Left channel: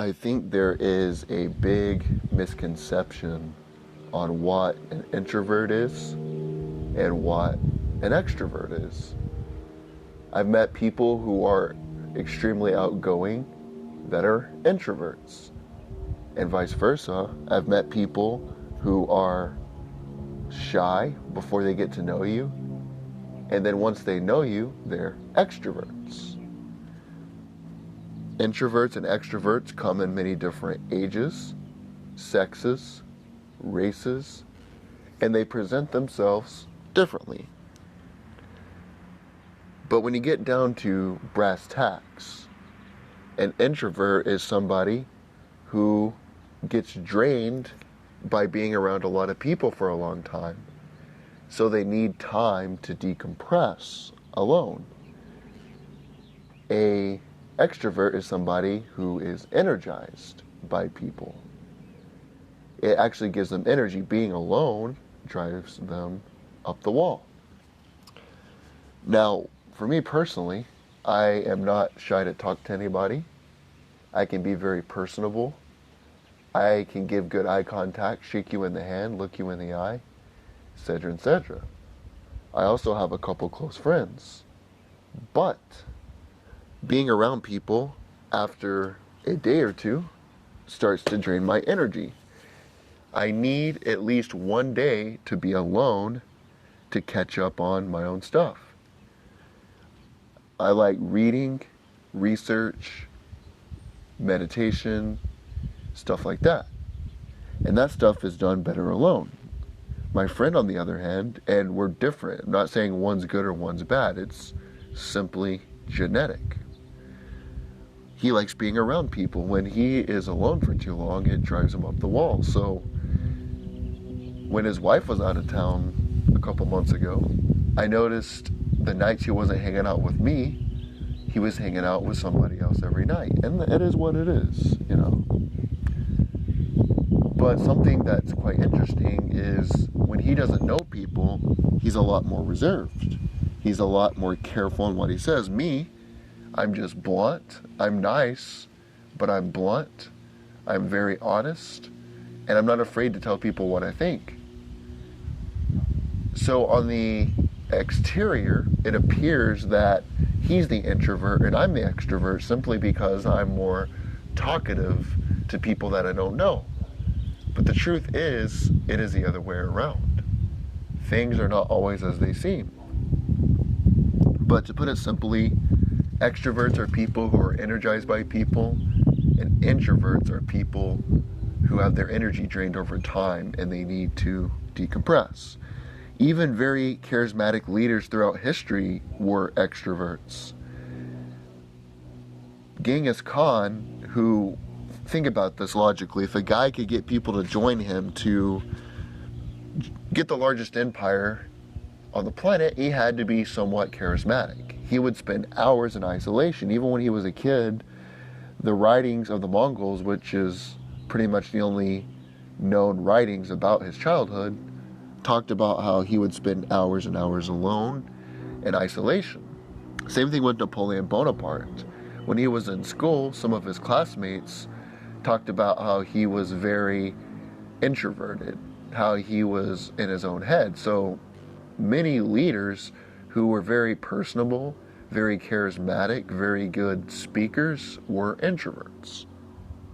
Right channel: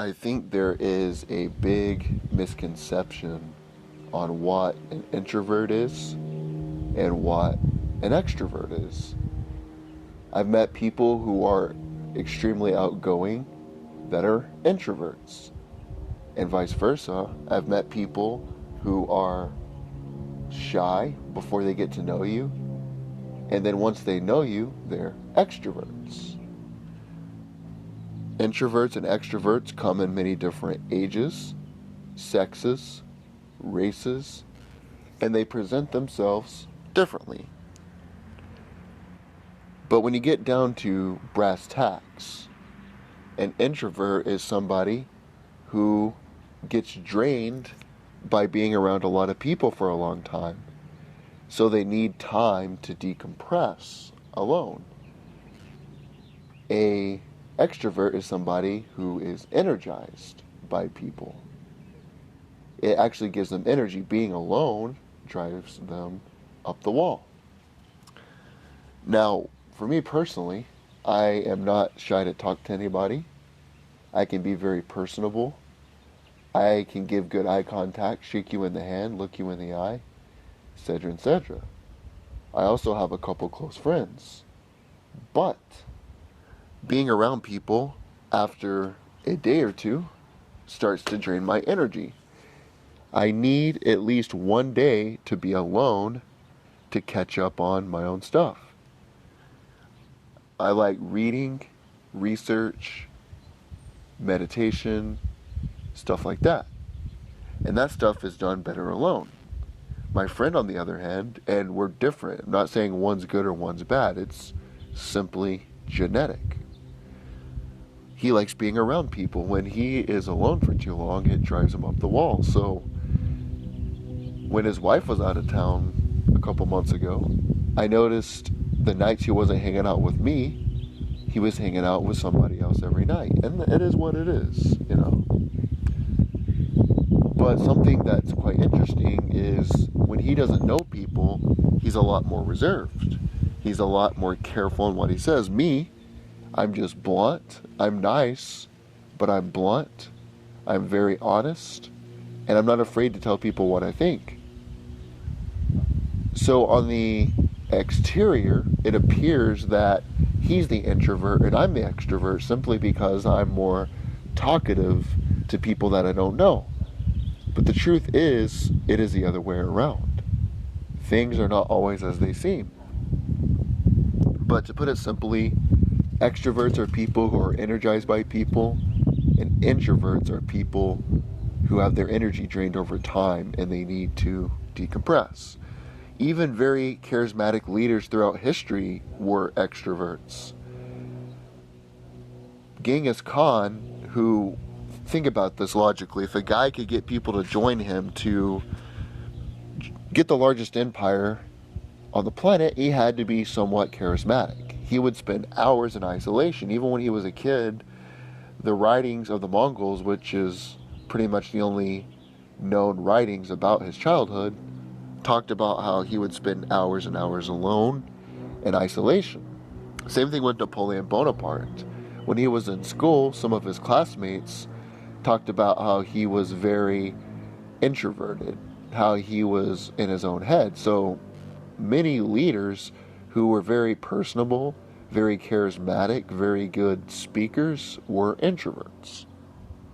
I think there is a big misconception on what an introvert is and what an extrovert is. I've met people who are extremely outgoing that are introverts, and vice versa. I've met people who are shy before they get to know you, and then once they know you, they're extroverts. Introverts and extroverts come in many different ages, sexes, races, and they present themselves differently. But when you get down to brass tacks, an introvert is somebody who gets drained by being around a lot of people for a long time. So they need time to decompress alone. A extrovert is somebody who is energized by people. It actually gives them energy. Being alone drives them up the wall. Now, for me personally, I am not shy to talk to anybody. I can be very personable. I can give good eye contact, shake you in the hand, look you in the eye, etc., etc. I also have a couple close friends. But being around people after a day or two starts to drain my energy. I need at least one day to be alone to catch up on my own stuff. I like reading, research, meditation, stuff like that. And that stuff is done better alone. My friend, on the other hand, and we're different. I'm not saying one's good or one's bad. It's simply genetic. He likes being around people. When he is alone for too long, it drives him up the wall. So when his wife was out of town a couple months ago, I noticed the nights he wasn't hanging out with me, he was hanging out with somebody else every night. And it is what it is, you know. But something that's quite interesting is when he doesn't know people, he's a lot more reserved. He's a lot more careful in what he says. Me, I'm just blunt. I'm nice, but I'm blunt. I'm very honest, and I'm not afraid to tell people what I think. So on the exterior, it appears that he's the introvert and I'm the extrovert simply because I'm more talkative to people that I don't know. But the truth is, it is the other way around. Things are not always as they seem. But to put it simply, extroverts are people who are energized by people, and introverts are people who have their energy drained over time and they need to decompress. Even very charismatic leaders throughout history were extroverts. Genghis Khan, who, think about this logically, if a guy could get people to join him to get the largest empire on the planet, he had to be somewhat charismatic. He would spend hours in isolation. Even when he was a kid, the writings of the Mongols, which is pretty much the only known writings about his childhood, talked about how he would spend hours and hours alone in isolation. Same thing with Napoleon Bonaparte. When he was in school, some of his classmates talked about how he was very introverted, how he was in his own head. So many leaders who were very personable, very charismatic, very good speakers were introverts.